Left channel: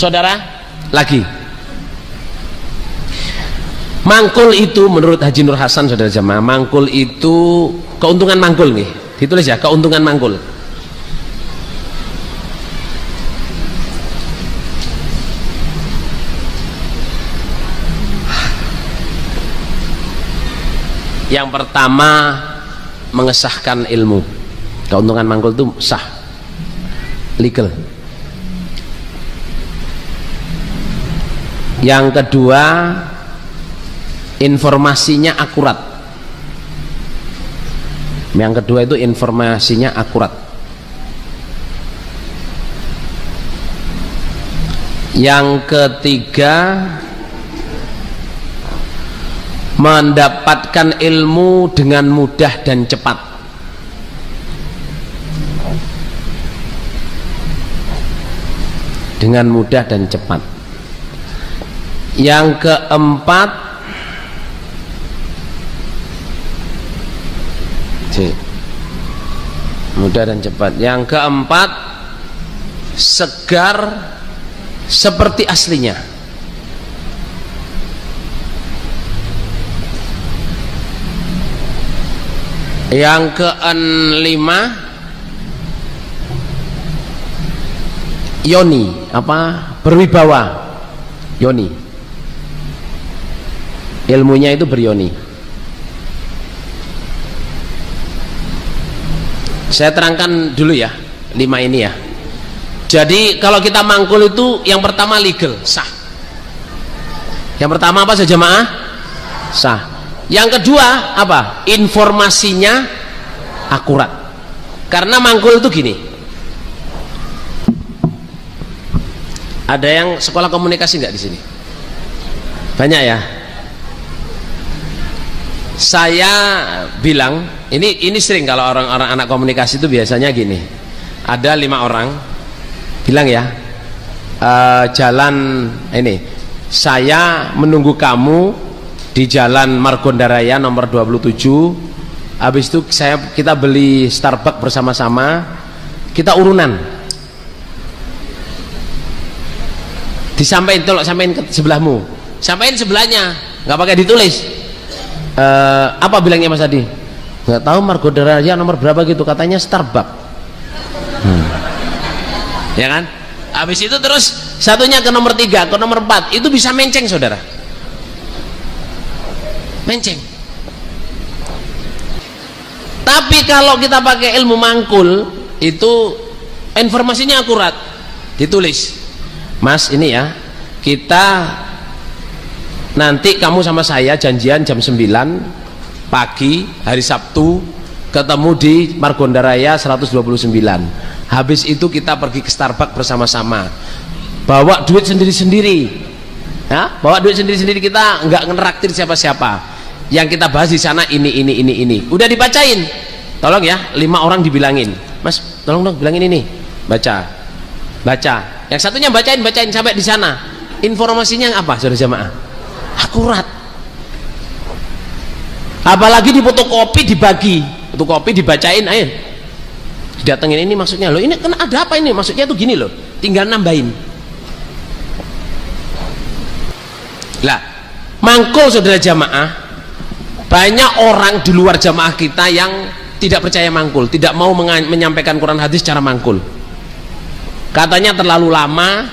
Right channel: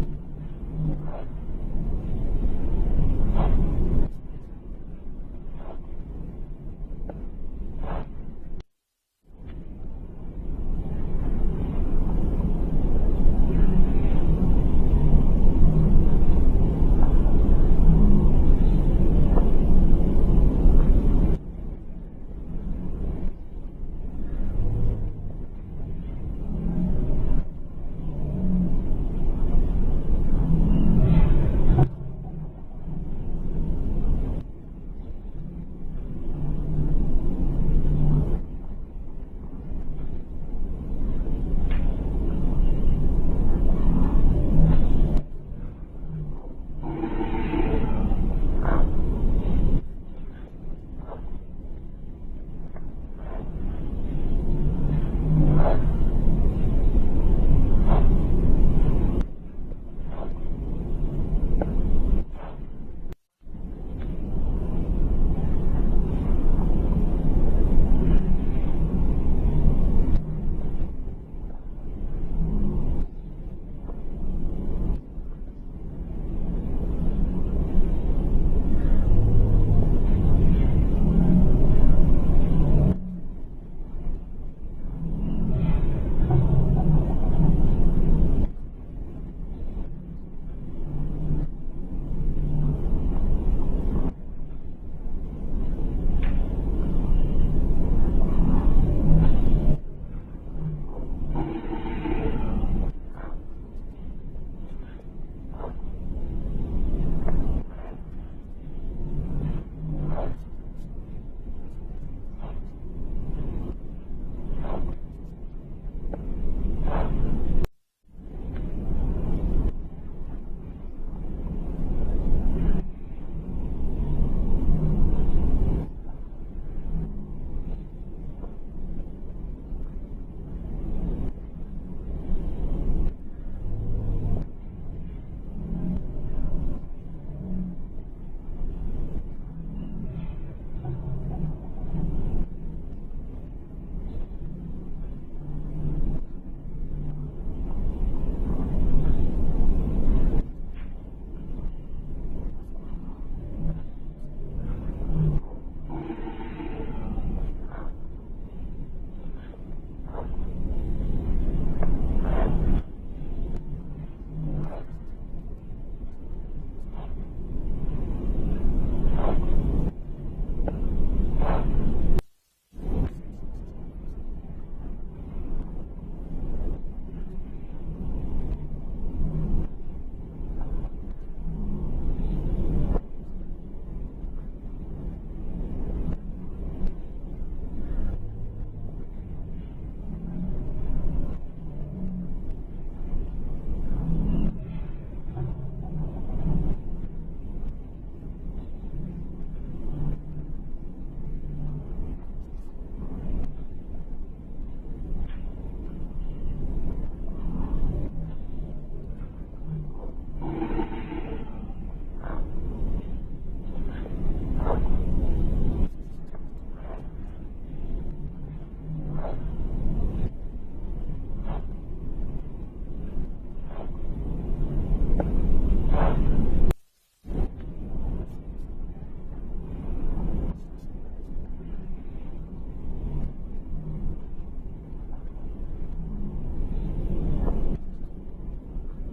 saudara, lagi mangkul itu menurut Haji Nur Hasan, saudara jamaah, mangkul itu keuntungan mangkul nih, ditulis ya, keuntungan mangkul. Yang pertama, mengesahkan ilmu. Keuntungan mangkul itu sah, legal. Yang kedua, informasinya akurat. Yang kedua itu informasinya akurat. Yang ketiga, mendapatkan ilmu dengan mudah dan cepat. Dengan mudah dan cepat. Yang keempat, mudah dan cepat. Yang keempat, segar seperti aslinya. Yang kelima, yoni, berwibawa, yoni, ilmunya itu beryoni. Saya terangkan dulu ya 5 ini ya. Jadi kalau kita mangkul itu yang pertama legal, sah. Yang pertama apa saja jemaah? Sah. Yang kedua apa? Informasinya akurat. Karena mangkul itu gini. Ada yang sekolah komunikasi nggak di sini? Banyak ya. Saya bilang, ini sering kalau orang-orang anak komunikasi itu biasanya gini. Ada 5 orang bilang ya, jalan ini, saya menunggu kamu di jalan Margonda Raya nomor 27. Habis itu kita beli Starbucks bersama-sama, kita urunan. Disampaikan, tolong sampaikan ke sebelahmu, sampaikan sebelahnya, nggak pakai ditulis. Apa bilangnya Mas Adi? Nggak tahu Margonda Raya nomor berapa gitu, katanya Starbucks. Ya kan? Habis itu terus satunya ke nomor 3, ke nomor 4, itu bisa menceng saudara. Menceng. Tapi kalau kita pakai ilmu mangkul itu informasinya akurat, ditulis, Mas ini ya, kita nanti kamu sama saya janjian jam 9 pagi hari Sabtu ketemu di Margonda Raya 129. Habis itu kita pergi ke Starbucks bersama-sama, bawa duit sendiri-sendiri ya, bawa duit sendiri-sendiri, kita nggak ngeraktir siapa-siapa. Yang kita bahas di sana ini. Udah dibacain, tolong ya, 5 orang dibilangin, Mas tolong dong bilangin ini, baca. Yang satunya bacain sampai di sana. Informasinya apa saudara jamaah? Akurat. Apalagi di fotokopi dibagi, fotokopi dibacain, ayo didatengin, ini maksudnya loh, ini kan ada apa ini, maksudnya tuh gini loh, tinggal nambahin. Lah, mangkul saudara jamaah, banyak orang di luar jamaah kita yang tidak percaya mangkul, tidak mau menyampaikan Quran hadis secara mangkul. Katanya terlalu lama,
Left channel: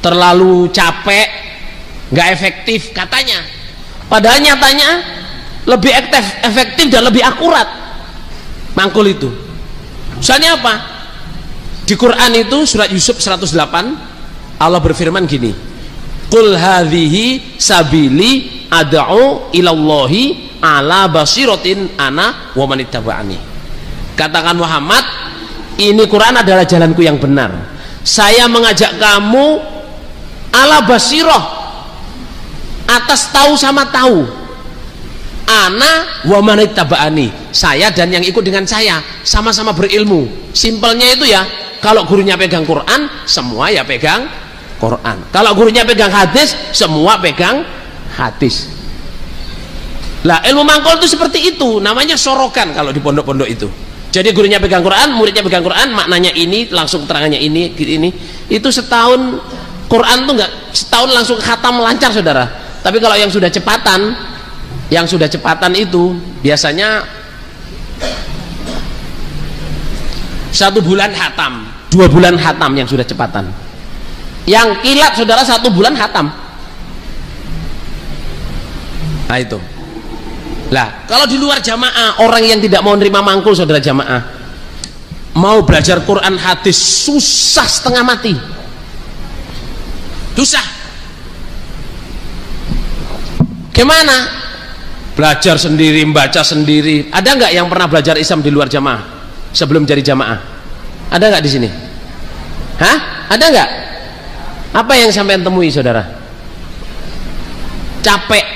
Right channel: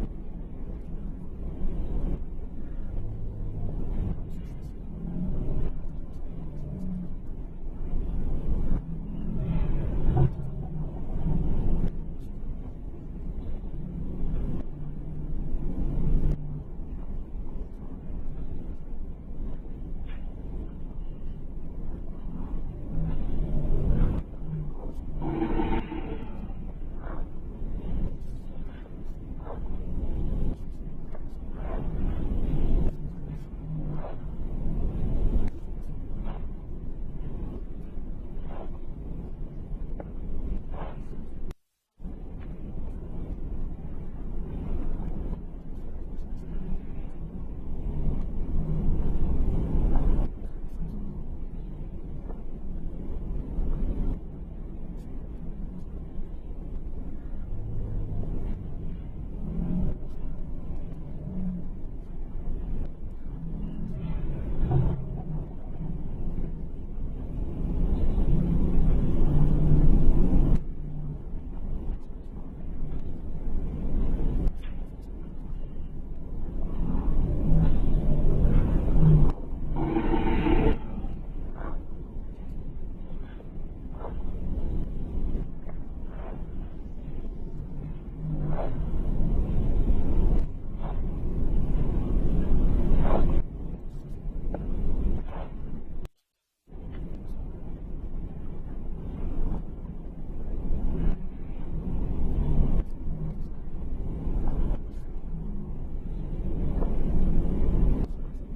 terlalu capek, nggak efektif katanya. Padahal nyatanya lebih efektif dan lebih akurat mangkul itu. Misalnya apa? Di Quran itu surat Yusuf 108, Allah berfirman gini, Qul hadhihi sabili ad'u ilallahi ala basiratin ana wa man ittaba'ani. Katakan Muhammad, ini Quran adalah jalanku yang benar. Saya mengajak kamu ala basirah, atas tahu sama tahu. Ana wa man ittaba'ani, saya dan yang ikut dengan saya sama-sama berilmu. Simpelnya itu ya, kalau gurunya pegang Quran, semua ya pegang Quran. Kalau gurunya pegang hadis, semua pegang hadis. Lah ilmu mangkul itu seperti itu, namanya sorokan kalau di pondok-pondok itu. Jadi gurunya pegang Quran, muridnya pegang Quran, maknanya ini, langsung keterangannya ini. Itu setahun Quran tuh nggak setahun langsung khatam lancar saudara. Tapi kalau yang sudah cepatan itu biasanya 1 bulan khatam, 2 bulan khatam yang sudah cepatan. Yang kilat saudara 1 bulan khatam. Nah itu. Lah kalau di luar jamaah, orang yang tidak mau nerima mangkul saudara jamaah, mau belajar Quran hadis susah setengah mati. Susah. Gimana? Belajar sendiri, membaca sendiri. Ada nggak yang pernah belajar Islam di luar jamaah sebelum jadi jamaah? Ada nggak di sini? Hah? Ada nggak? Apa yang sampean temui saudara? Capek.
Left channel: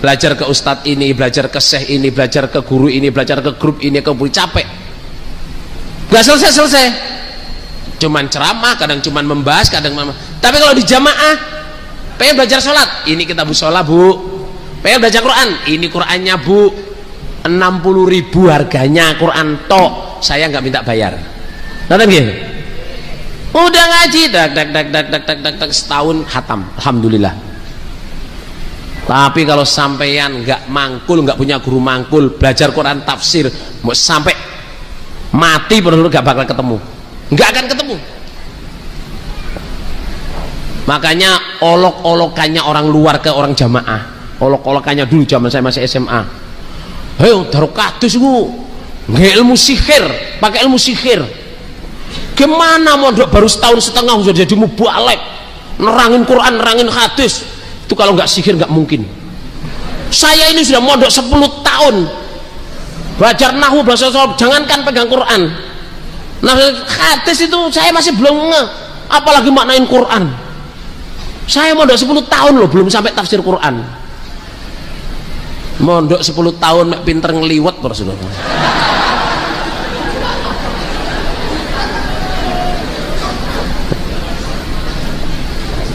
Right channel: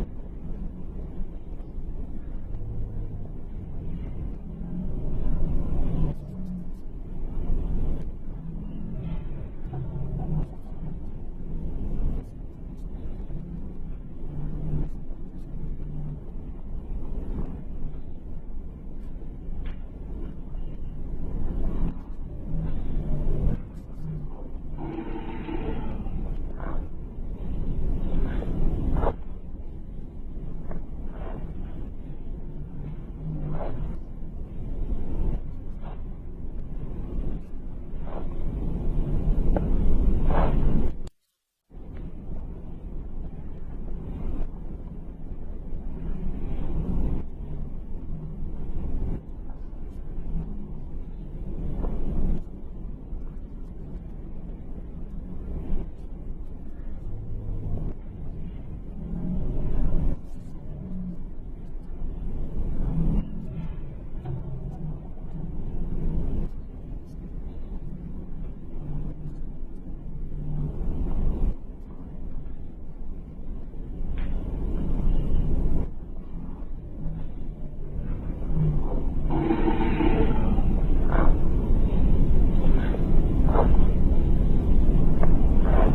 Belajar ke ustadz ini, belajar ke syekh ini, belajar ke guru ini, belajar ke grup ini, ke guru, capek. Nggak selesai. Cuman ceramah, kadang cuman membahas, kadang tapi kalau di jamaah pengen belajar sholat, ini kita musola bu. Pengen belajar Quran, ini Qurannya bu, 60.000 harganya Quran tok, saya nggak minta bayar. Nonton gini, udah ngaji dak setahun khatam, alhamdulillah. Tapi kalau sampeyan nggak mangkul, nggak punya guru mangkul, belajar Quran tafsir, mau sampai mati benar-benar nggak bakal ketemu, nggak akan ketemu. Makanya olok-olokannya orang luar ke orang jamaah, olok-olokannya dulu zaman saya masih SMA. Ayo taruh kados ku, nggak ilmu sihir, pakai ilmu sihir. Gimana mondok baru setahun setengah sudah jadi mubalek, nerangin Quran, nerangin hadis. Itu kalau nggak sihir nggak mungkin. Saya ini sudah mondok 10 tahun, belajar nahwu, bahasa Arab, jangankan pegang Quran. Nah hadis itu saya masih belum nge, apalagi maknain Quran. Saya mondok 10 tahun loh, belum sampai tafsir Quran. Mondok 10 tahun mek pinter ngeliwet terus loh.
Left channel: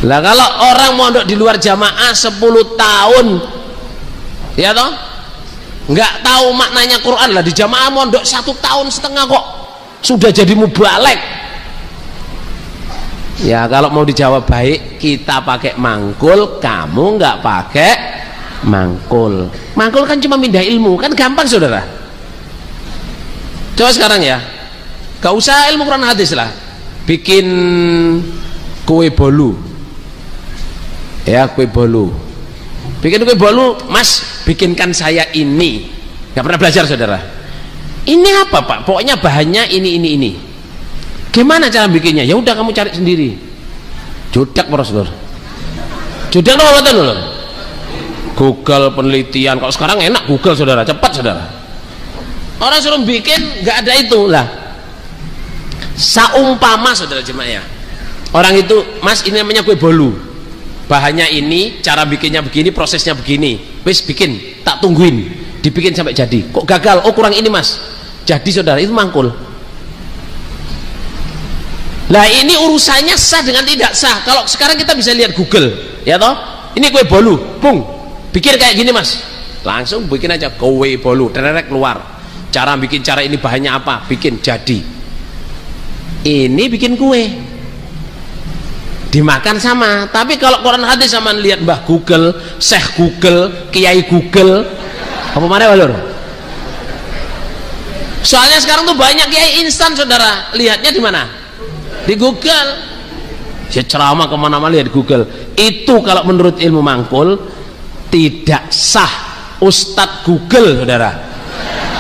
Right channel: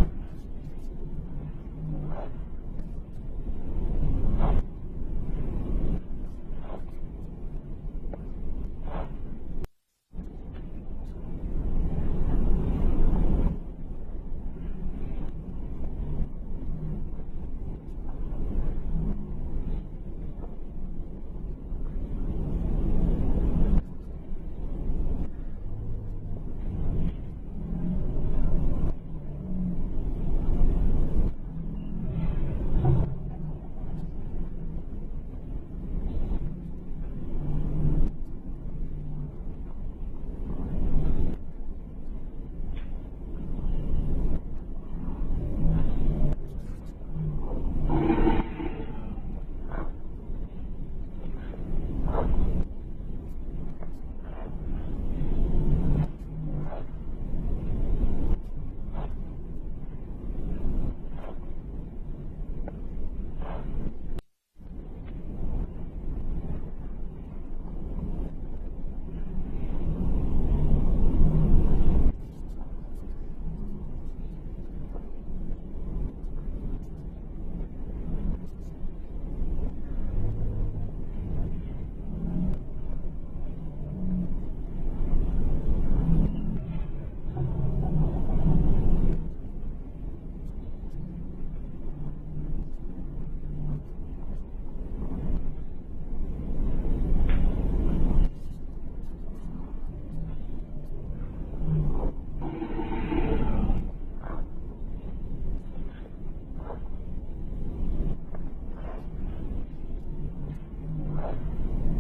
Lah kalau orang mondok di luar jamaah 10 tahun, ya toh, nggak tahu maknanya Quran, lah di jamaah mondok 1 tahun setengah kok sudah jadi mubalek. Ya kalau mau dijawab baik, kita pakai mangkul, kamu nggak pakai mangkul. Mangkul kan cuma pindah ilmu, kan gampang saudara. Coba sekarang ya, gak usah ilmu Quran hadis lah, bikin kue bolu, ya kue bolu, bikin kue bolu, mas bikinkan saya ini. Nggak pernah belajar saudara. Ini apa pak? Pokoknya bahannya ini. Gimana cara bikinnya? Ya udah kamu cari sendiri. Judak Rasulullah. Judak apa betul loh? Google penelitian. Kalau sekarang enak Google saudara, cepat saudara. Orang suruh bikin nggak ada itu lah. Saumpama saudara jemaah ya. Orang itu, mas ini namanya kue bolu. Bahannya ini, cara bikinnya begini, prosesnya begini. Wis bikin, tak tungguin. Dibikin sampai jadi. Kok gagal? Oh kurang ini mas. Jadi saudara itu mangkul. Lah ini urusannya sah dengan tidak sah. Kalau sekarang kita bisa lihat Google, ya toh. Ini kue bolu, pung, bikin kayak gini mas. Langsung bikin aja kue bolu, tererek keluar. Cara bikin, cara ini bahannya apa, bikin jadi. Ini bikin kue, dimakan sama. Tapi kalau Quran hadis sama lihat Mbah Google, Syekh Google, Kiai Google, apa mana walur? Soalnya sekarang tuh banyak kiai instan saudara. Lihatnya di mana? Di Google. Ya ceramah kemana-mana lihat Google. Itu kalau menurut ilmu mangkul tidak sah. Ustadz Google saudara,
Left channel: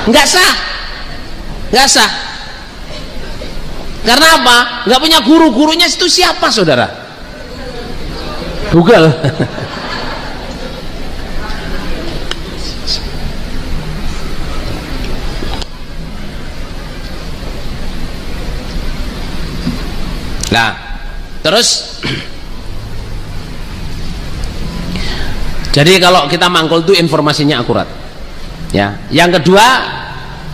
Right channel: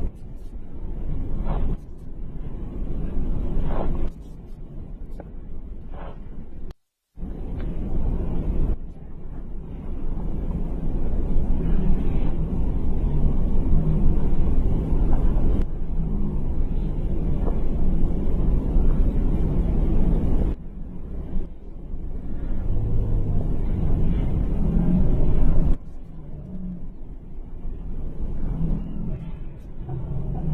nggak sah, nggak sah. Karena apa? Nggak punya guru. Gurunya itu siapa saudara? Google. Nah, terus jadi kalau kita mangkul itu informasinya akurat. Ya. Yang kedua,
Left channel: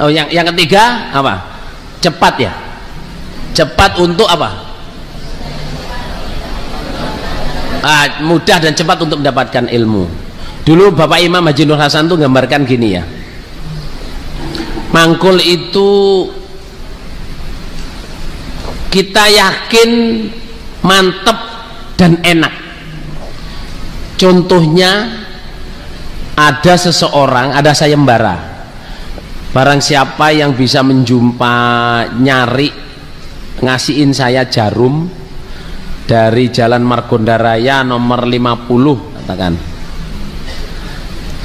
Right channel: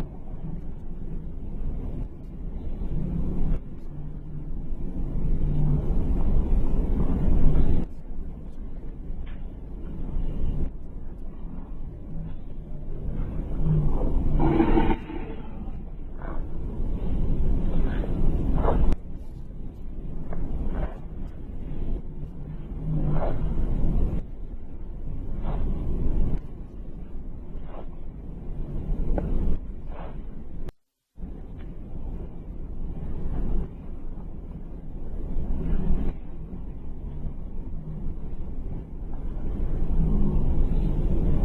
yang ketiga apa? Cepat ya. Cepat untuk apa? Mudah dan cepat untuk mendapatkan ilmu. Dulu Bapak Imam Haji Nur Hasan tuh gambarkan gini ya. Mangkul itu kita yakin mantep dan enak. Contohnya ada seseorang, ada sayembara, barang siapa yang bisa nyari ngasihin saya jarum dari Jalan Margonda Raya nomor 50, katakan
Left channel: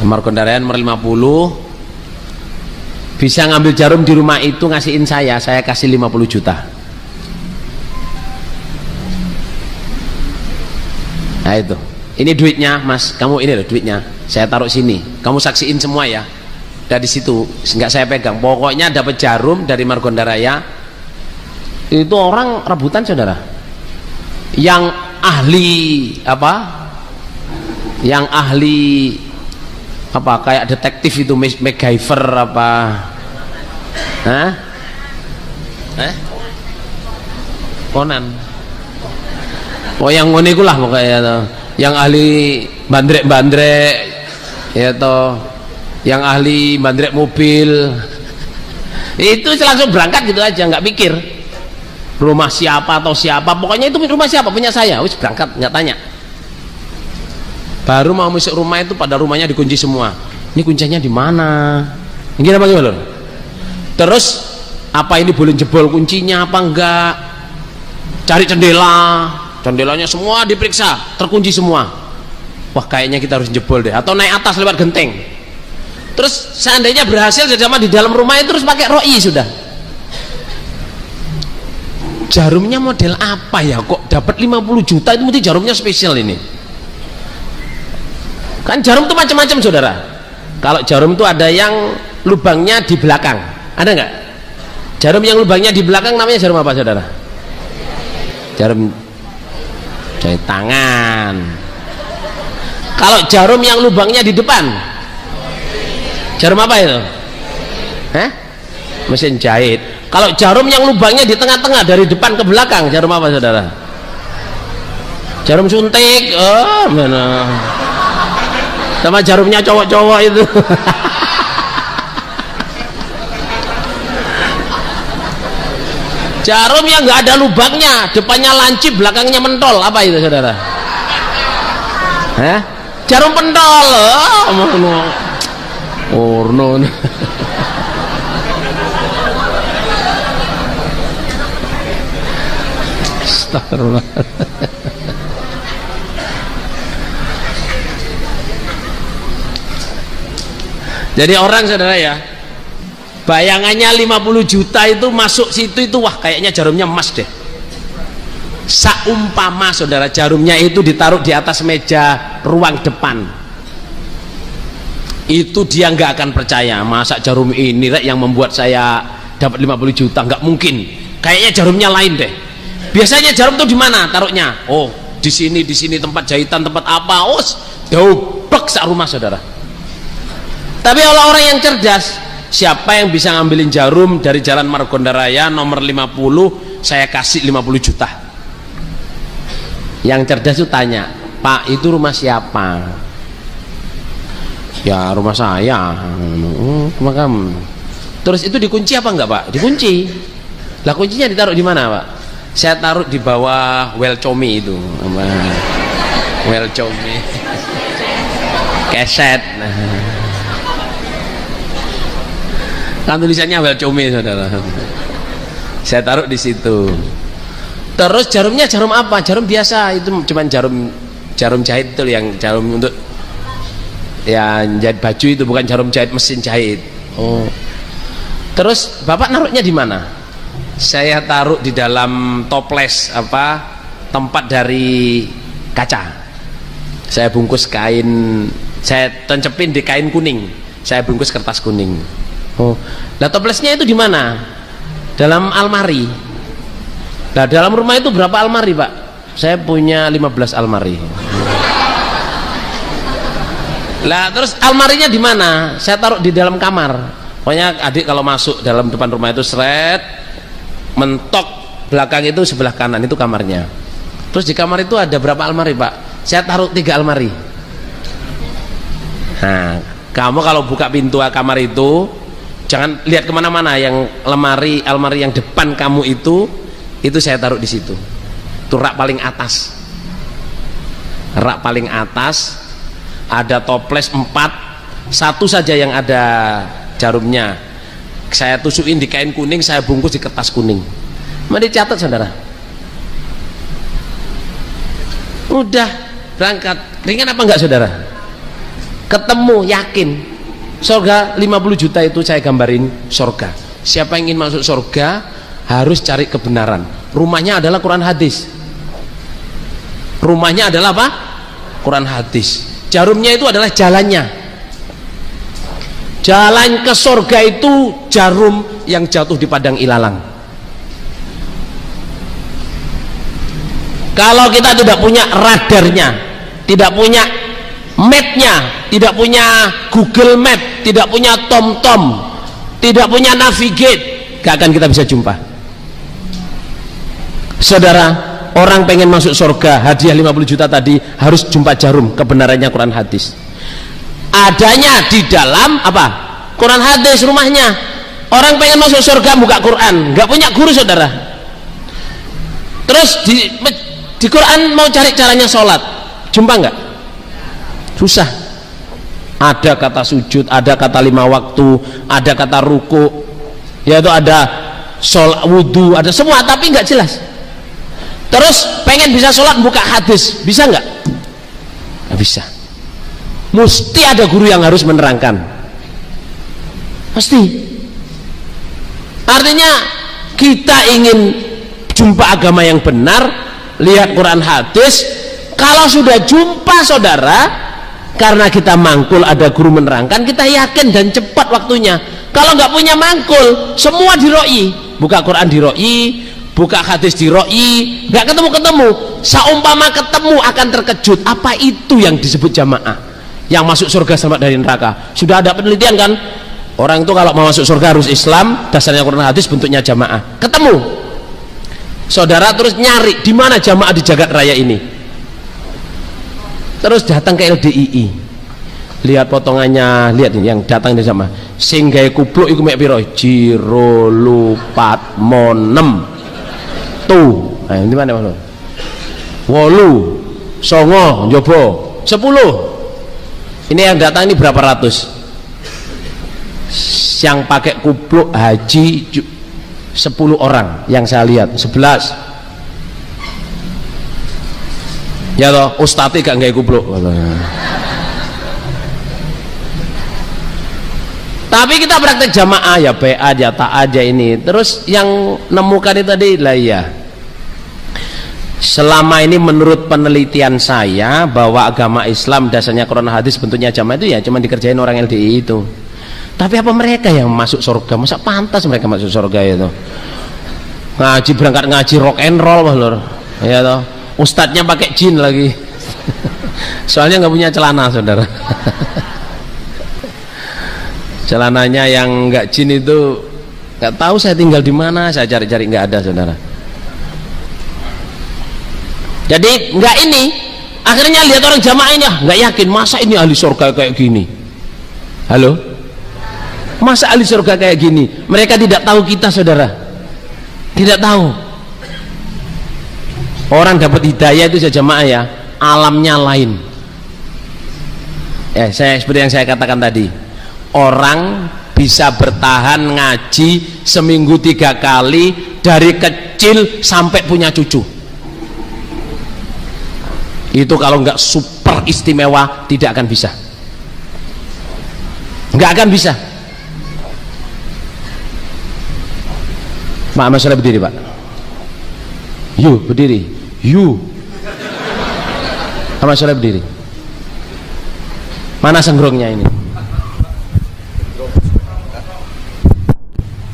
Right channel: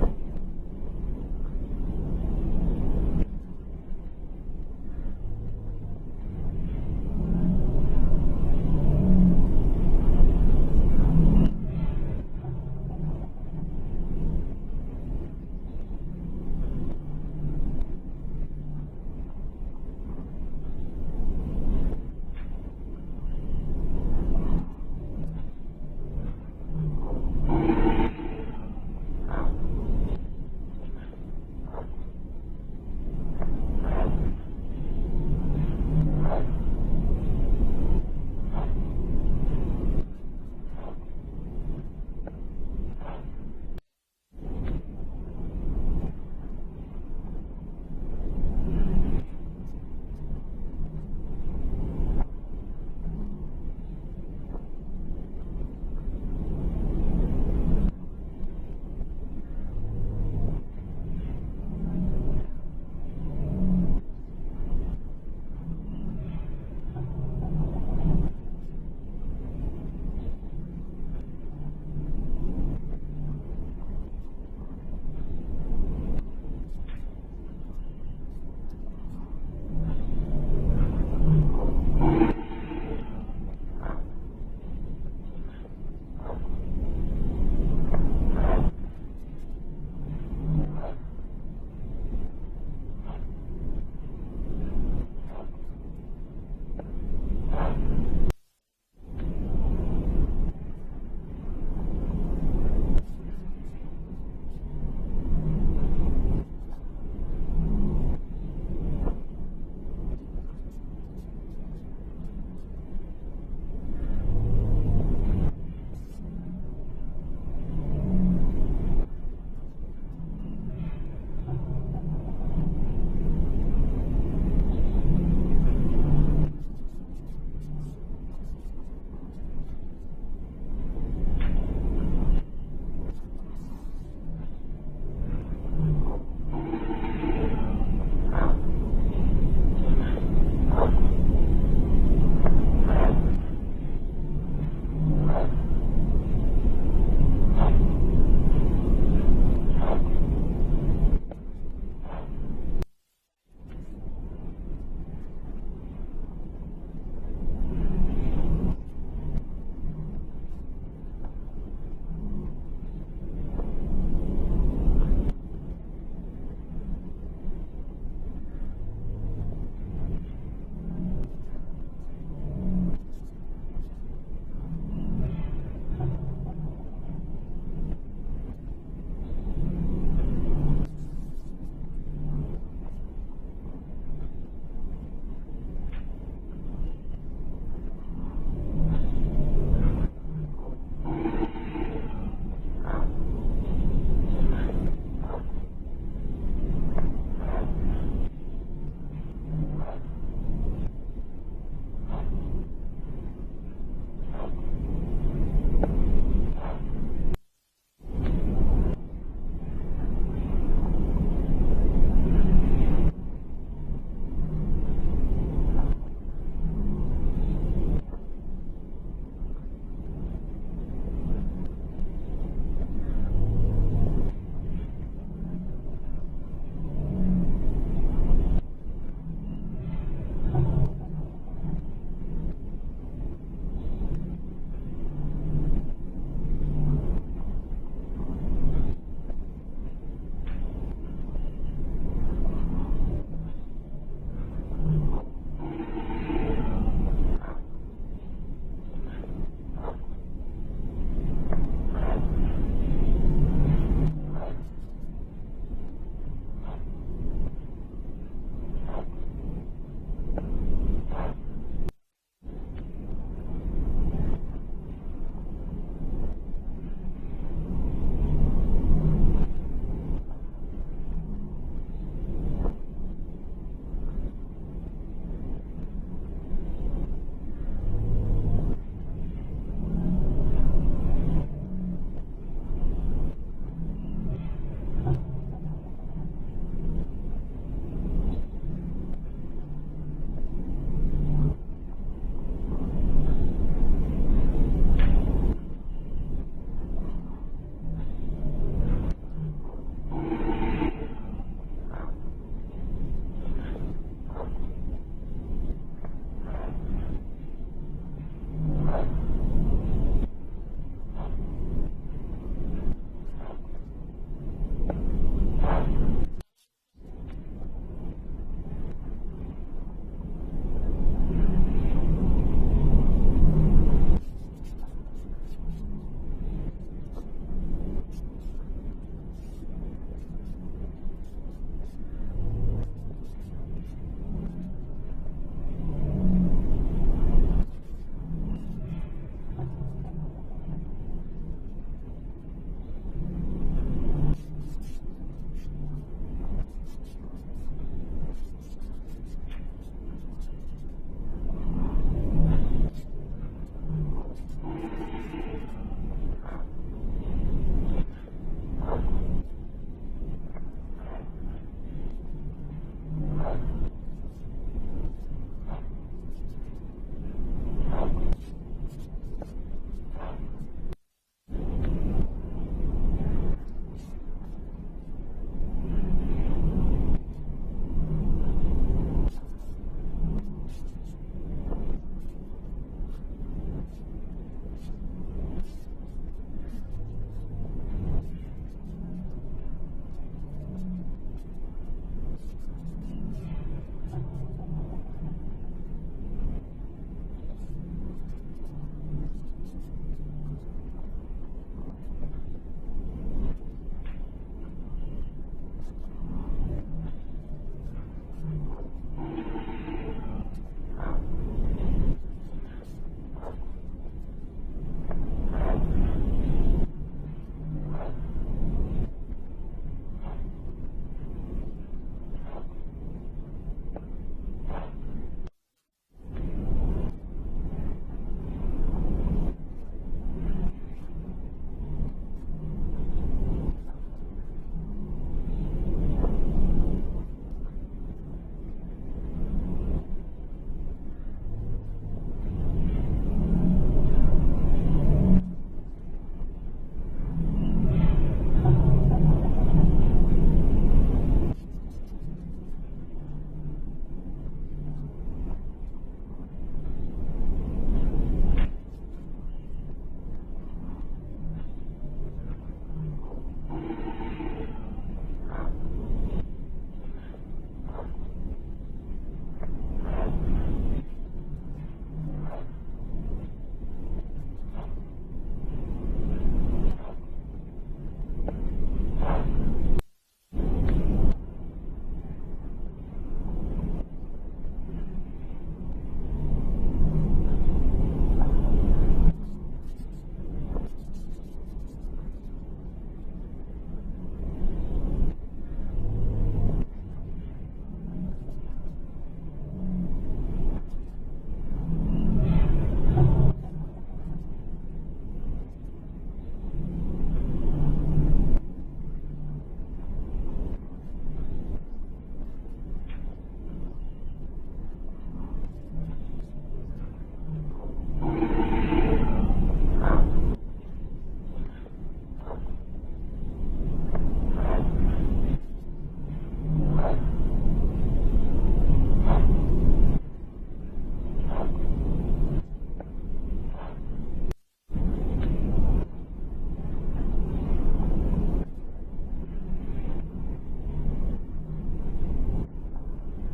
Margonda Raya nomor 50, bisa ngambil jarum di rumah itu ngasihin saya kasih 50 juta. Nah itu, ini duitnya mas, kamu ini loh duitnya, saya taruh sini, kamu saksiin semua ya. Dari situ nggak saya pegang, pokoknya dapat jarum dari Margonda Raya. Itu orang rebutan saudara, yang ahli apa kayak detektif itu, MacGyver apa, Conan, oh yang ngono iku lah pokoknya, yang ahli bandrek ya toh, yang ahli bandrek mobil itu langsung berangkat gitu aja, nggak pikir rumah siapa atau siapa, pokoknya itu rumah siapa punya saya, wis berangkat nggak tanya. Baru mau masuk rumah itu pada rumahnya dikunci semua, ini kuncinya di mana, ini apa gimana? Terus apa ini boleh jebol kuncinya apa enggak, cari jendelanya semua diperiksa, terkunci semua. Wah kayaknya kita harus jebol deh, atau naik atas lewat genteng. Terus seandainya berhasil sama di dalam rumah itu, terus pakai ROI sudah. Jarumnya model apa ya kok dapat 50 juta, itu mesti jarumnya spesial ini. Kan jarum itu macam-macam saudara. Kalau jarum itu ada yang lubangnya di belakang, ada nggak? Jarum yang lubangnya di belakang namanya jarum apa saudara? Jarum jahit tangan. Kalau jarum yang lubangnya di depan, jarum apa itu? Mesin jahit. Kalau jarum yang lubangnya di tengah-tengah dari depan ke belakang, jarum apa saudara? Jarum suntik. Oh mana? Sama jarumnya cowok-cowok itu. Jarum yang nggak ada lubangnya, depannya lancip, belakangnya mentol, apa itu saudara? Jarum pentol. Orno. Astagfirullah. Jadi orang saudara ya, bayangannya 50 juta itu masuk situ itu, wah kayaknya jarumnya emas deh. Saumpama saudara jarumnya itu ditaruh di atas meja ruang depan, itu dia nggak akan percaya, masa jarum ini yang membuat saya dapat 50 juta, nggak mungkin, kayaknya jarumnya lain deh. Biasanya jarum tuh di mana taruhnya? Oh di sini tempat jahitan, tempat apa? Oh doublek sak rumah saudara. Tapi kalau orang yang cerdas, siapa yang bisa ngambilin jarum dari Jalan Margonda Raya nomor 50, saya kasih 50 juta. Yang cerdas itu tanya, Pak itu rumah siapa? Ya rumah saya. Rumah kamu. Terus itu dikunci apa enggak Pak? Dikunci. Lah kuncinya ditaruh di mana Pak? Saya taruh di bawah well comi itu. Well comi. Keset. Kan tulisannya well comi saudara. Saya taruh di situ. Terus jarumnya jarum apa? Jarum biasa, itu cuman jarum jahit itu, yang jarum untuk ya jahit baju itu, bukan jarum jahit mesin jahit. Oh. Terus Bapak naruhnya di mana? Saya taruh di dalam toples tempat dari kaca. Saya bungkus kain, saya tancepin di kain kuning. Saya bungkus kertas kuning. Oh. Nah toplesnya itu di mana? Dalam almari. Nah dalam rumah itu berapa almari Pak? Saya punya 15 almari. Lah terus almarinya di mana? Saya taruh di dalam kamar. Pokoknya adik kalau masuk dalam depan rumah itu seret, mentok belakang itu sebelah kanan itu kamarnya. Terus di kamar itu ada berapa almari Pak? Saya taruh 3 almari. Nah kamu kalau buka pintu kamar itu jangan lihat kemana-mana, yang almari yang depan kamu itu saya taruh di situ. Itu rak paling atas. rak paling atas, ada toples 4, satu saja yang ada jarumnya. Saya tusukin di kain kuning, saya bungkus di kertas kuning. Mari catat saudara. Udah berangkat. Ringan apa enggak saudara? Ketemu, yakin. Surga 50 juta itu saya gambarin surga. Siapa yang ingin masuk surga harus cari kebenaran. Rumahnya adalah Quran hadis. Rumahnya adalah apa? Quran hadis. Jarumnya itu adalah jalannya. Jalan ke surga itu jarum yang jatuh di padang ilalang. Kalau kita tidak punya radarnya, tidak punya mapnya, tidak punya Google Map, tidak punya TomTom, tidak punya navigate, gak akan kita bisa jumpa. Saudara, orang pengen masuk surga, hadiah 50 juta tadi harus jumpa jarum kebenarannya Quran hadis. Adanya di dalam apa? Quran hadis rumahnya. Orang pengen masuk surga buka Quran, nggak punya guru saudara. Terus di Quran mau cari caranya sholat, jumpa nggak? Susah. Ada kata sujud, ada kata 5 waktu, ada kata ruku, yaitu ada sholat, wudu, ada semua, tapi nggak jelas. Terus pengen bisa sholat buka hadis, bisa nggak? Nggak bisa. Mesti ada guru yang harus menerangkan. Mesti. Artinya kita ingin jumpa agama yang benar, lihat Quran hadis. Kalau sudah jumpa saudara, karena kita mangkul ada guru menerangkan, kita yakin dan cepat waktunya. Kalau nggak punya mangkul, semua diroi, buka Quran diroi, buka hadis diroi, nggak ketemu-ketemu. Saumpama ketemu akan terkejut. Apa itu yang disebut jamaah? Yang masuk surga selamat dari neraka. Sudah ada penelitian kan? Orang itu kalau mau masuk surga harus Islam, dasarnya Quran hadis, bentuknya jamaah. Ketemu. Saudara terus nyari di mana jamaah di jagat raya ini. Terus datang ke LDII. Lihat potongannya, lihat ini yang datang di sama. Sing gawe kupluk iku mek piro? Jiro lupat monem. Tuh. Nah, ini mana Mas? 8 songo njobo 10. Ini yang datang ini berapa ratus? Yang pakai kupluk haji 10 orang yang saya lihat, 11. Ya toh, ustadz gak nggak kupluk. Tapi kita praktek jamaah ya, PA aja, tak aja ini. Terus yang nemukan itu tadi lah ya. Selama ini menurut penelitian saya bahwa agama Islam dasarnya Quran hadis bentuknya jamaah itu ya cuma dikerjain orang LDI itu. Tapi apa mereka yang masuk surga? Masa pantas mereka masuk surga itu? Ngaji, berangkat ngaji rock and roll lor. Ya toh. Ustadznya pakai jin lagi. Soalnya nggak punya celana saudara. Celananya yang nggak jin itu nggak tahu saya tinggal di mana, saya cari-cari nggak ada saudara. Jadi nggak ini, akhirnya lihat orang jamaah ini nggak yakin, masa ini ahli surga kayak gini. Halo, masa ahli surga kayak gini? Mereka tidak tahu kita saudara, tidak tahu. Orang dapat hidayah itu saja jamaah ya, alamnya lain. Ya, saya seperti yang saya katakan tadi, orang bisa bertahan ngaji seminggu 3 kali dari kecil sampai punya cucu. Itu kalau nggak super istimewa tidak akan bisa, nggak akan bisa. Pak, masalah berdiri Pak. Yuk berdiri, yuk. Masalah berdiri. Mana senggrongnya ini?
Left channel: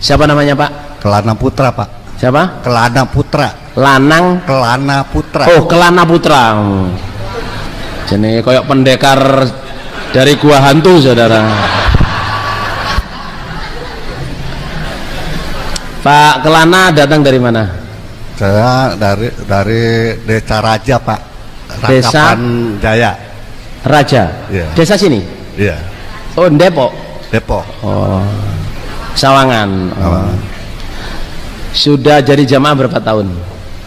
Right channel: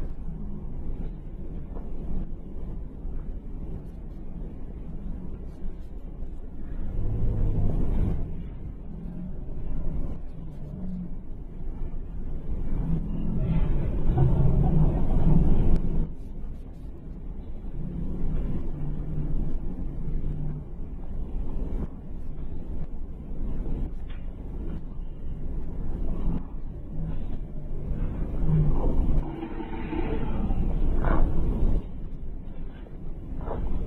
Siapa namanya Pak? Kelana Putra Pak. Siapa? Kelana Putra. Lanang Kelana Putra. Oh, Kelana Putra. Jadi koyok pendekar dari gua hantu saudara. Pak Kelana datang dari mana? Saya dari Desa Raja Pak. Desa Rangkapan Jaya. Raja. Iya. Desa sini. Iya. Oh, Depok. Depok. Oh, Sawangan. Oh. Sudah jadi jamaah berapa tahun?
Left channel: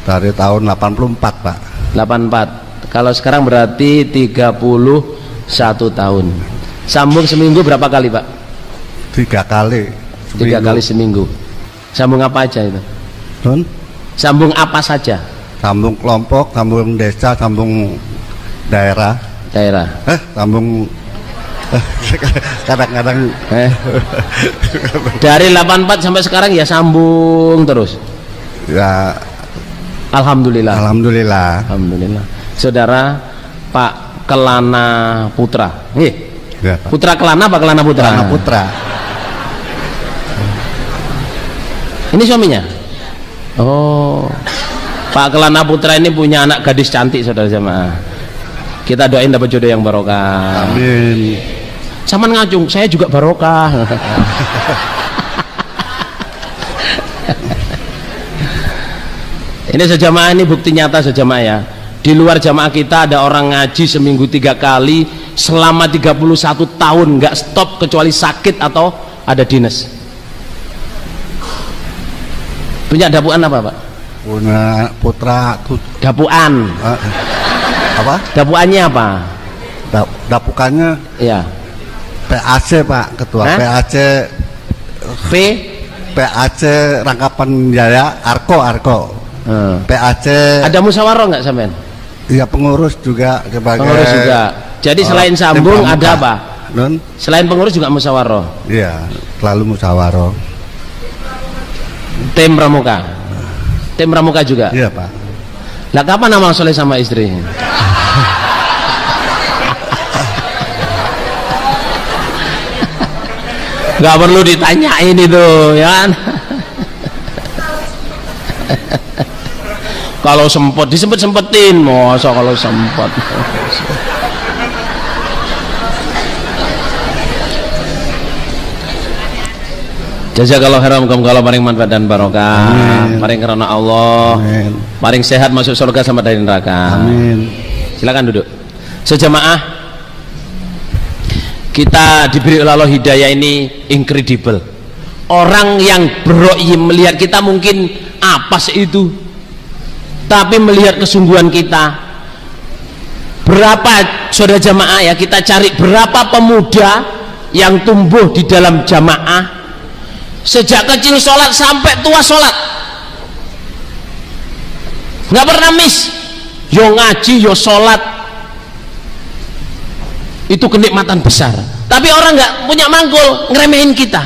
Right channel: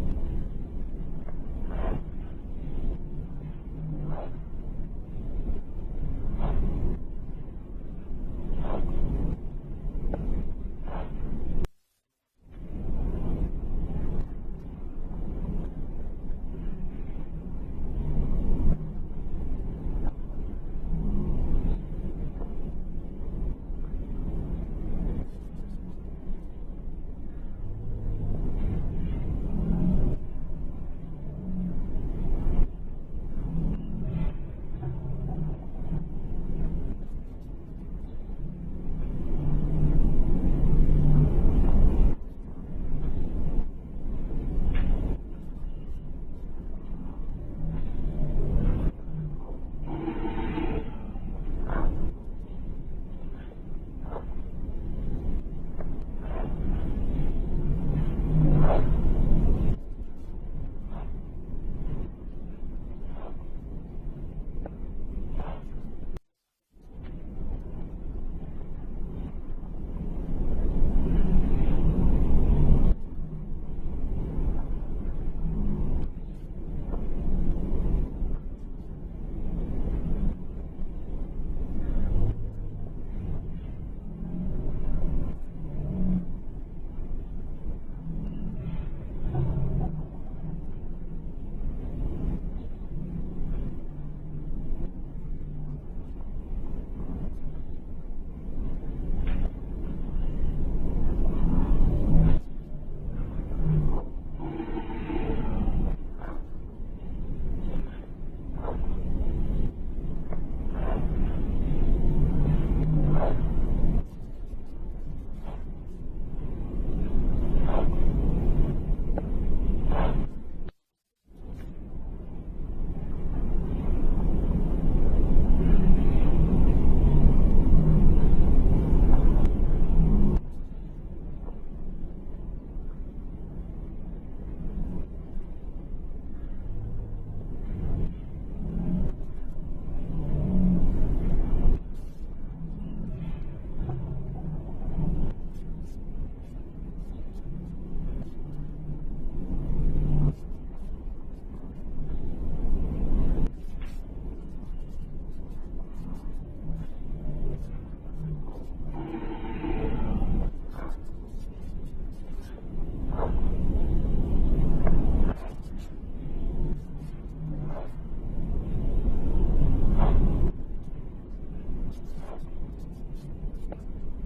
Dari tahun 84 Pak. 84. Kalau sekarang berarti 31 tahun. Sambung seminggu berapa kali Pak? 3 kali. 3 kali seminggu. Sambung apa aja itu? Nun? Sambung apa saja? Sambung kelompok, sambung desa, sambung daerah. Sambung kadang-kadang dari 84 sampai sekarang ya sambung terus. Ya, Alhamdulillah. alhamdulillah. Saudara Pak Kelana Putra. Ya, Pak. Putra Kelana apa Kelana Putra? Kelana Putra. Ini suaminya? Oh, Pak Kelana Putra ini punya anak gadis cantik, saudara jamaah. Kita doain dapat jodoh yang barokah. Amin. Saman ngacung, saya juga barokah. Ini sejamaah, ini bukti nyata sejamaah ya. Di luar jamaah kita ada orang ngaji seminggu 3 kali selama 31 tahun nggak stop kecuali sakit atau ada dinas. Punya dapuan apa Pak? Punya putra Dapuan. apa? Dapuannya apa? Dapukannya Ya. PAC Pak, ketua Hah? PAC PAC Rangkapan Jaya Arko. PAC Ada musyawarah nggak sampean? ya, pengurus juga sebagai Pengurus juga. Jadi selain sambung tim ada pramuka. apa? Nun? Selain pengurus juga musyawarah. Iya, selalu musyawarah. Tim pramuka. Tim pramuka juga. Iya Pak. Lah kapan amal soleh sama istri? Gak perlu ditanyain itu, ya kan? Kalau sempet disempet-sempetin, masa kalau sempet. Jazakallahu khairan, muga-muga Allah paring manfaat dan barokah. Paring karena Allah. Amin. Paring sehat masuk surga sama dari neraka. Amin. Silakan duduk. Sejamaah, kita diberi oleh Allah hidayah ini incredible. Orang yang berroi melihat kita mungkin apa sih itu, tapi melihat kesungguhan kita. Berapa saudara jamaah ya, kita cari berapa pemuda yang tumbuh di dalam jamaah, sejak kecil sholat sampai tua sholat, nggak pernah miss. Yo ngaji yo sholat, itu kenikmatan besar. Tapi orang nggak punya mangkul, ngeremehin kita,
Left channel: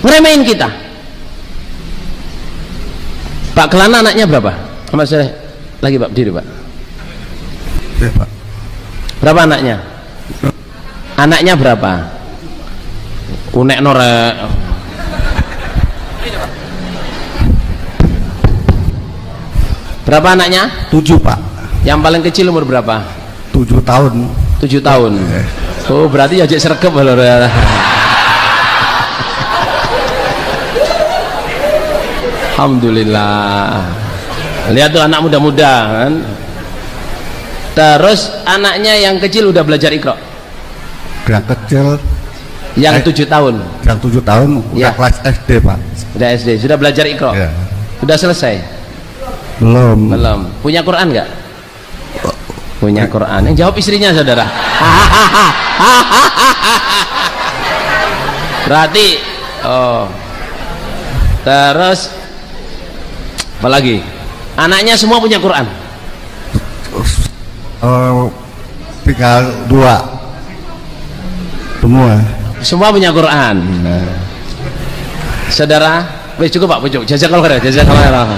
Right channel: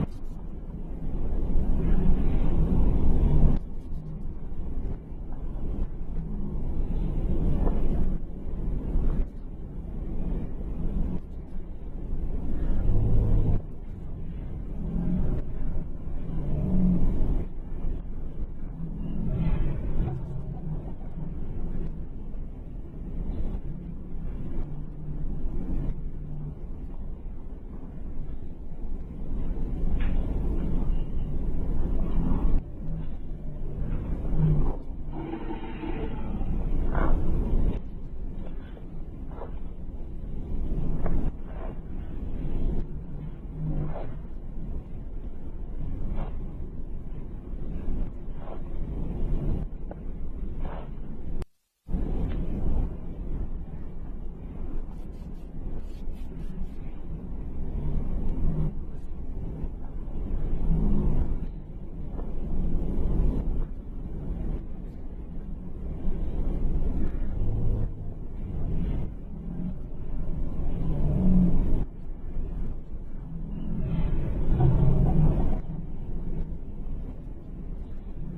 ngeremehin kita. Pak Kelana anaknya berapa? Sama saya lagi Pak, berdiri Pak. Iya Pak. Berapa anaknya? Anaknya berapa? Unek norek. Berapa anaknya? 7 Pak. Yang paling kecil umur berapa? 7 tahun. 7 tahun. Oh berarti ya jadi sergap loh. Alhamdulillah. Lihat tuh anak muda-muda kan. Terus anaknya yang kecil udah belajar Iqra. Yang kecil Yang 7 tahun. yang 7 tahun udah Ya. kelas SD Pak. Udah SD, sudah belajar Iqra. Ya. Udah selesai? Belum. Belum. Punya Quran nggak? Punya Quran. Yang jawab istrinya saudara. Berarti oh. Terus apa lagi? Anaknya semua punya Quran. Tinggal 2 semua. Semua punya Quran. Saudara, wes cukup Pak, cukup. Jazakallahu khairan, jazakallahu khairan.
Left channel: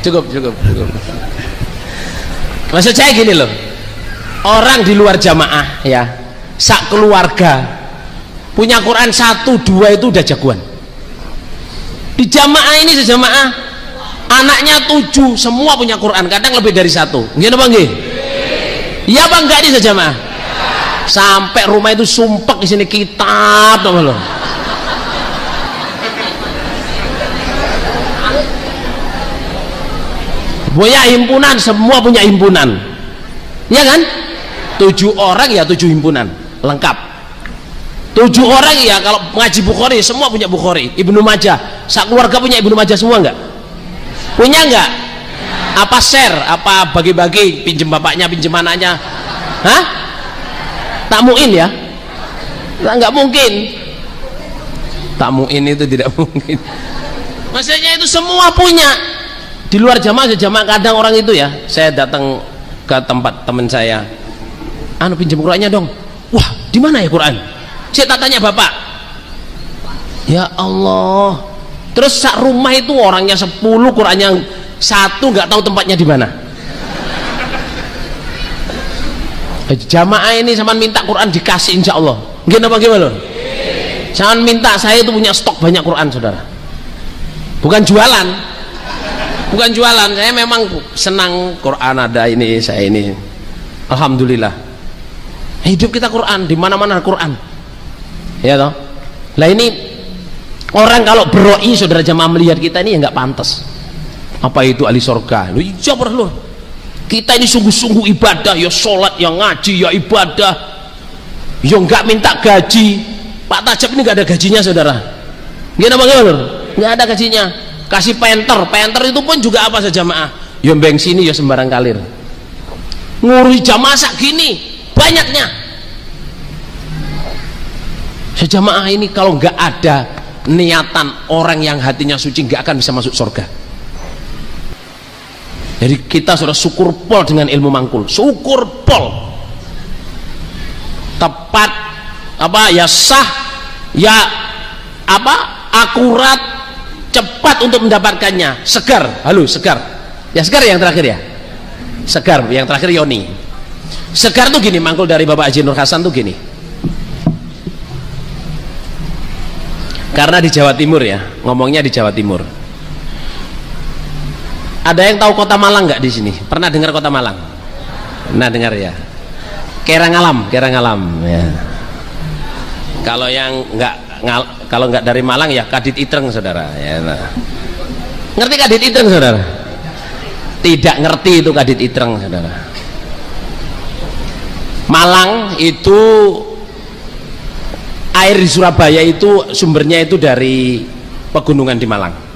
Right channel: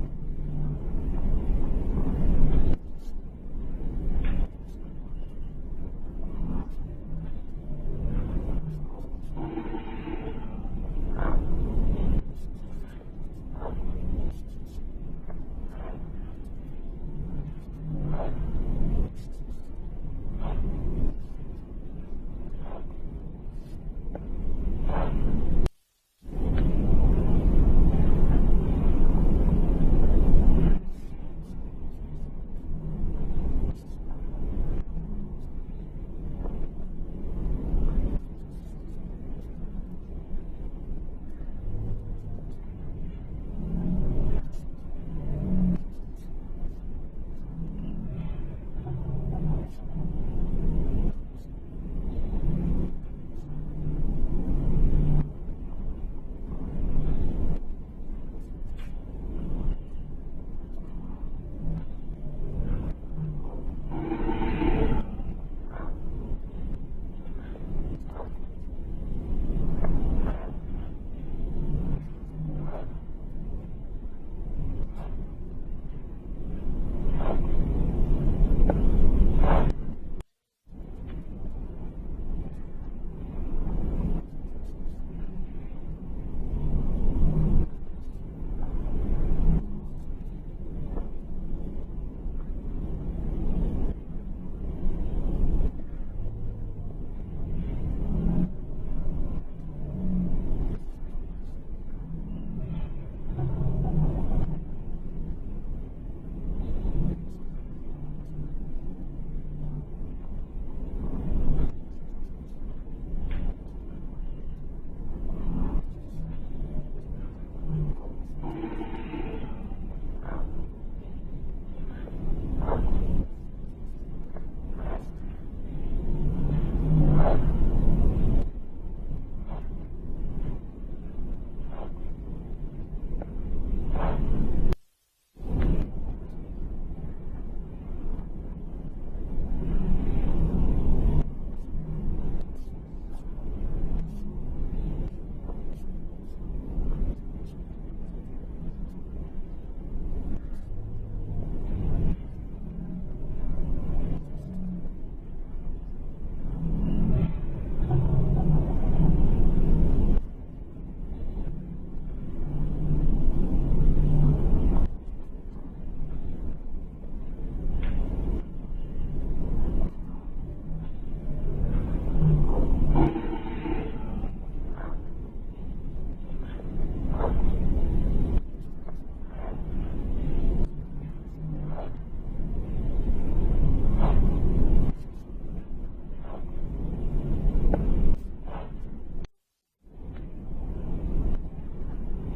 Cukup. Maksud saya gini loh. Orang di luar jamaah ya, sak keluarga punya Quran 1, 2 itu udah jagoan. Di jamaah ini sejamaah anaknya 7 semua punya Quran, kadang lebih dari 1. Nggih apa nggih? Iya apa enggak di sejamaah? Sampai rumah itu sumpek di sini kitab tuh loh. Punya himpunan, semua punya himpunan. Ya kan? 7 orang ya 7 himpunan, lengkap. 7 orang ya kalau ngaji Bukhari semua punya Bukhari, Ibnu Majah, sak keluarga punya Ibnu Majah semua enggak? Punya nggak? Apa share? Apa bagi-bagi? Pinjem bapaknya, pinjem anaknya? Hah? Tamuin ya? Nggak mungkin. Tamuin itu tidak mungkin. Maksudnya itu semua punya. Di luar jamaah kadang orang itu ya, saya datang ke tempat teman saya, anu pinjam Qurannya dong. Wah, di mana ya Quran? Saya tak tanya bapak. Ya Allah. Terus sak rumah itu orangnya 10, Qurannya 1, nggak tahu tempatnya di mana. Jamaah ini sama minta Quran dikasih insya Allah. Gimana bagaimana? Jangan minta, saya itu punya stok banyak Quran saudara. Bukan jualan, bukan jualan. Saya memang senang Quran ada ini, saya ini. Alhamdulillah. Hidup kita Quran, di mana-mana Quran. Ya toh. Lah ini orang kalau beroi saudara jamaah melihat kita ini ya nggak pantas. Apa itu ahli surga? Lu jabar lu. Kita ini sungguh-sungguh ibadah, ya sholat, ya ngaji, ya ibadah, ya nggak minta gaji. Pak Tajab ini nggak ada gajinya saudara. Gimana bagaimana? Nggak ada gajinya. Kasih penter itu pun juga apa saja jamaah. Ya beng sini ya sembarang kalir. Ngurus jamaah sak gini banyaknya. Sejamaah ini kalau nggak ada niatan orang yang hatinya suci nggak akan bisa masuk surga. Jadi kita sudah syukur pol dengan ilmu mangkul, syukur pol, tepat apa ya, sah ya, apa akurat, cepat untuk mendapatkannya, segar. Halo segar ya, segar yang terakhir ya, segar yang terakhir Yoni. Segar tuh gini, mangkul dari Bapak Haji Nur Hasan tuh gini, karena di Jawa Timur ya, ngomongnya di Jawa Timur. Ada yang tahu Kota Malang nggak di sini? Pernah dengar Kota Malang? Pernah dengar ya? Kerangalam ya. Kalau yang kalau nggak dari Malang ya Kadit Itreng saudara ya. Nah. Ngerti Kadit Itreng saudara? Tidak ngerti itu Kadit Itreng saudara. Malang itu air di Surabaya itu sumbernya itu dari pegunungan di Malang.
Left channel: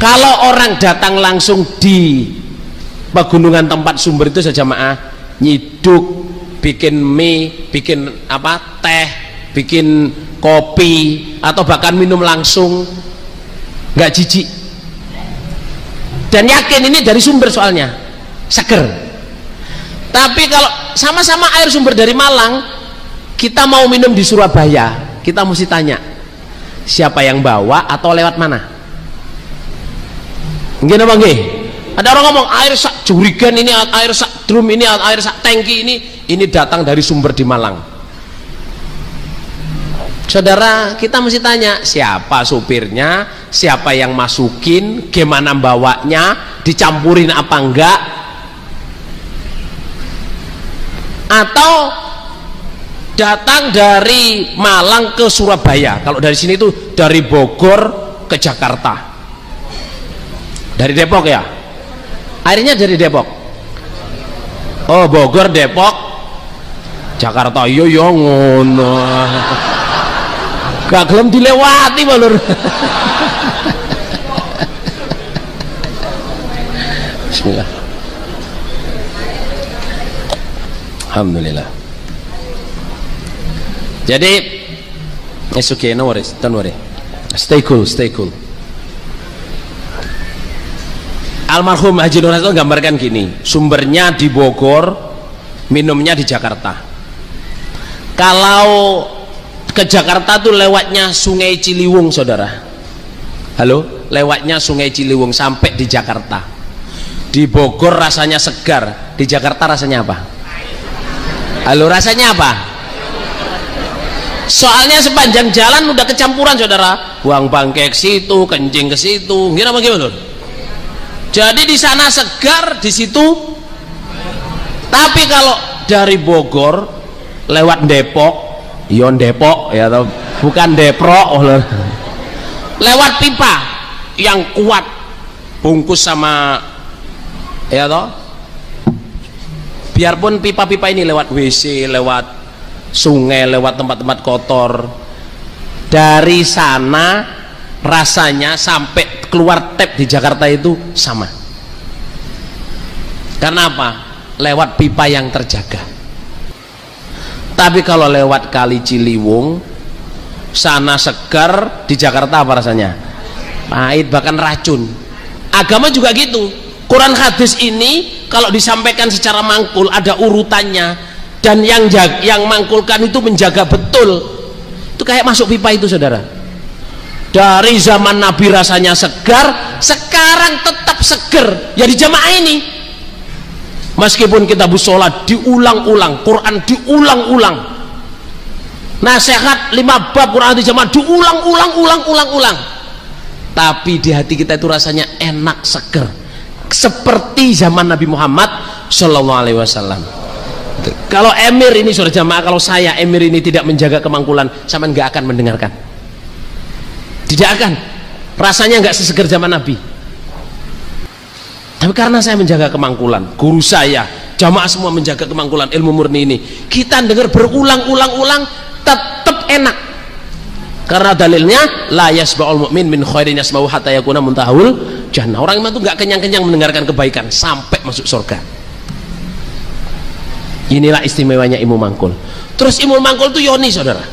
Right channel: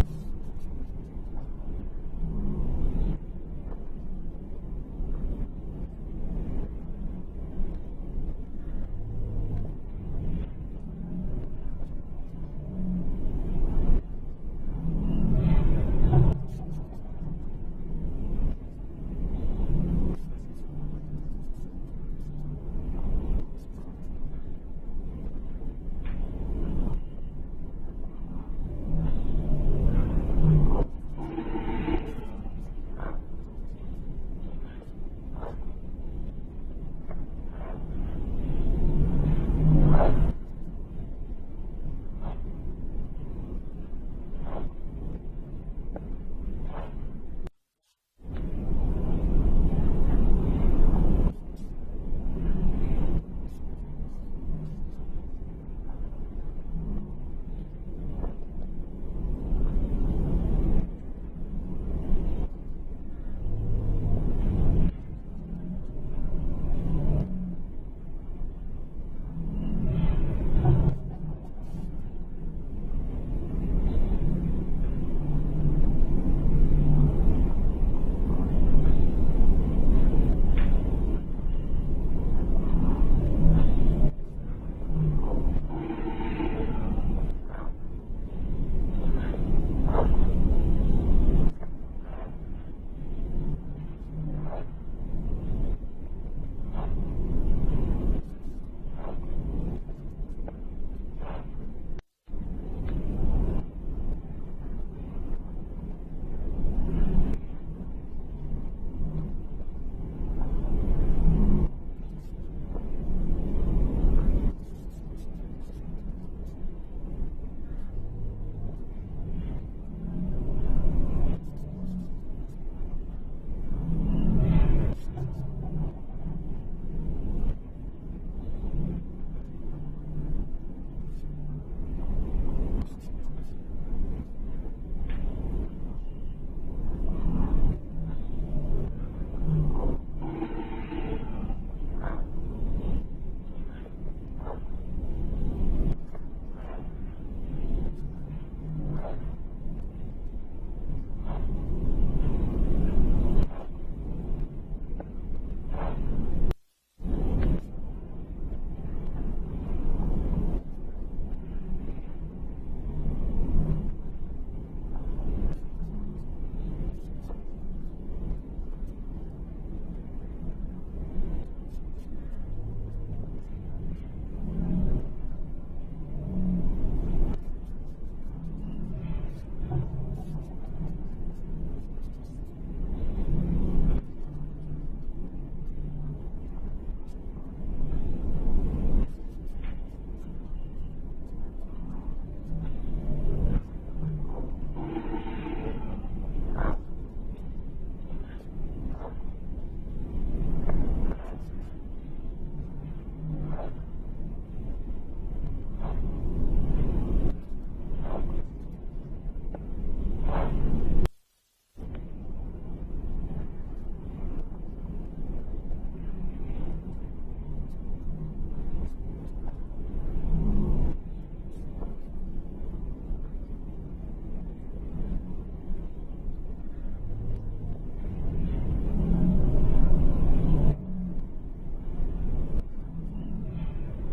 Kalau orang datang langsung di pegunungan tempat sumber itu saja jamaah, nyiduk, bikin mie, bikin apa, teh, bikin kopi, atau bahkan minum langsung, nggak jijik. Dan yakin ini dari sumber soalnya, seger. Tapi kalau sama-sama air sumber dari Malang, kita mau minum di Surabaya, kita mesti tanya, siapa yang bawa atau lewat mana? Nggih napa nggih? Ada orang ngomong air sak jurigen ini, air sak drum ini, air sak tangki ini datang dari sumber di Malang. Saudara, kita mesti tanya siapa supirnya, siapa yang masukin, gimana bawanya, dicampurin apa enggak, atau datang dari Malang ke Surabaya. Kalau dari sini itu dari Bogor ke Jakarta. Dari Depok ya? Airnya dari Depok. Oh, Bogor, Depok, Jakarta. Yo ngono. Gak gelem dilewati balur. Bismillah. Alhamdulillah. Jadi, it's okay, no worries, don't worry. Stay cool. Almarhum Haji Nur Hasan gambarkan gini, sumbernya di Bogor, minumnya di Jakarta. Kalau ke Jakarta tuh lewatnya Sungai Ciliwung saudara. Halo, lewatnya Sungai Ciliwung sampai di Jakarta. Di Bogor rasanya segar, di Jakarta rasanya apa? Halo, rasanya apa? Soalnya sepanjang jalan udah kecampuran saudara, buang bangke ke situ, kencing ke situ, gimana? Jadi di sana segar, di situ. Tapi kalau dari Bogor lewat Depok, Yon Depok ya, atau bukan Depro, lewat pipa yang kuat, bungkus sama ya toh. Biarpun pipa-pipa ini lewat WC, lewat sungai, lewat tempat-tempat kotor, dari sana rasanya sampai keluar tap di Jakarta itu sama. Karena apa? Lewat pipa yang terjaga. Tapi kalau lewat Kali Ciliwung, sana segar, di Jakarta apa rasanya? Pahit, bahkan racun. Agama juga gitu. Quran hadis ini kalau disampaikan secara mangkul ada urutannya, dan yang mangkulkan itu menjaga betul. Itu kayak masuk pipa itu, saudara. Dari zaman Nabi rasanya segar, sekarang tetap seger. Ya di jamaah ini. Meskipun kita sholat diulang-ulang, Quran diulang-ulang, nasihat 5 bab Quran di jamaah diulang-ulang, tapi di hati kita itu rasanya enak, seger, seperti zaman Nabi Muhammad Shallallahu Alaihi Wasallam. Kalau emir ini, saudara jamaah, kalau saya emir ini tidak menjaga kemangkulan, sama nggak akan mendengarkan, tidak akan, rasanya nggak seseger zaman Nabi. Tapi karena saya menjaga kemangkulan, guru saya, jamaah semua menjaga kemangkulan ilmu murni ini, kita dengar berulang-ulang tetap enak. Karena dalilnya la yasba'ul mu'min min khairin yasma'u hatta yakuna muntahul jannah. Orang iman itu nggak kenyang-kenyang mendengarkan kebaikan sampai masuk surga. Inilah istimewanya ilmu mangkul. Terus ilmu mangkul itu yoni, saudara.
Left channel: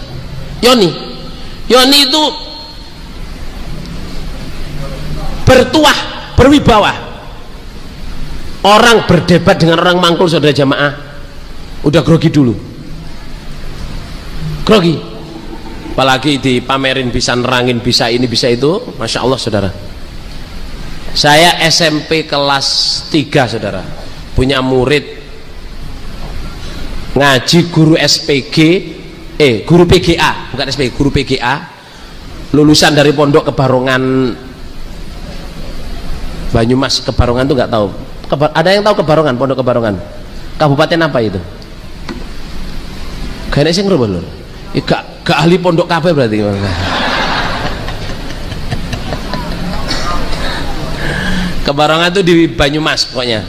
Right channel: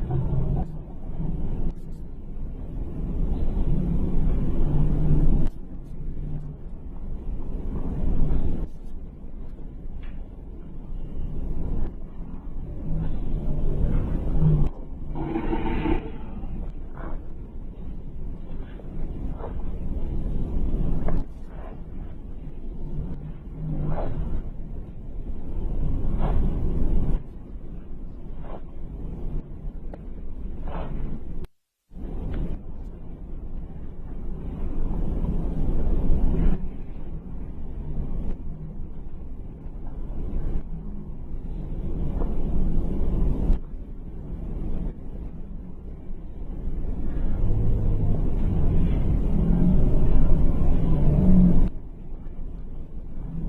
Yoni itu bertuah, berwibawa. Orang berdebat dengan orang mangkul, saudara jamaah, udah grogi dulu, grogi. Apalagi dipamerin bisa nerangin, bisa ini, bisa itu, Masya Allah, saudara. Saya SMP kelas 3, saudara, punya murid ngaji guru SPG, guru PGA, bukan SPG, guru PGA, lulusan dari Pondok Kebarongan Banyumas. Kebarongan tuh nggak tahu. Ada yang tahu Kebarongan, Pondok Kebarongan? Kabupaten apa itu? Kayaknya sih ngerubah lho. Gak ahli pondok kabeh berarti. Kebarongan itu di Banyumas pokoknya.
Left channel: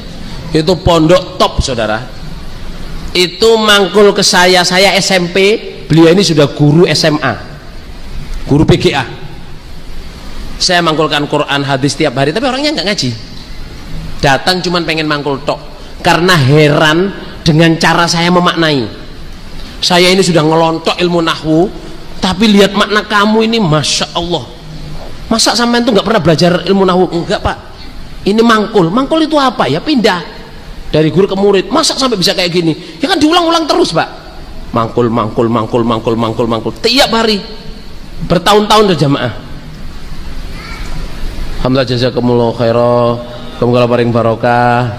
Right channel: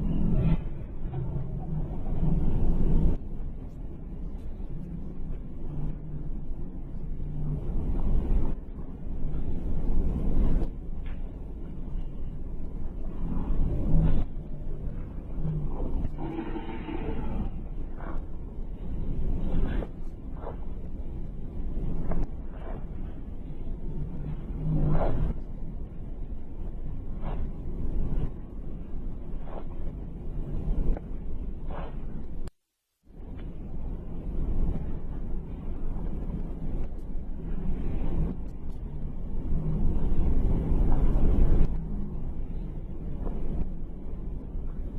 Itu pondok top, saudara. Itu mangkul ke saya SMP, beliau ini sudah guru SMA, guru PGA. Saya mangkulkan Quran hadis tiap hari, tapi orangnya nggak ngaji. Datang cuman pengen mangkul tok, karena heran dengan cara saya memaknai. Saya ini sudah ngelontok ilmu nahwu, tapi lihat makna kamu ini, Masya Allah. Masa sampean itu nggak pernah belajar ilmu nahwu? Enggak, Pak. Ini mangkul itu apa ya? Pindah dari guru ke murid. Masa sampai bisa kayak gini? Ya kan diulang-ulang terus, Pak. Mangkul tiap hari, bertahun-tahun berjamaah. Alhamdulillah, jazakumullah khairan. Semoga paring barokah,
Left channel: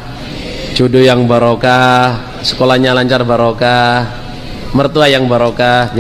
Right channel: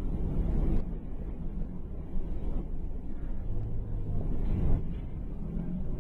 jodoh yang barokah, sekolahnya lancar barokah, mertua yang barokah.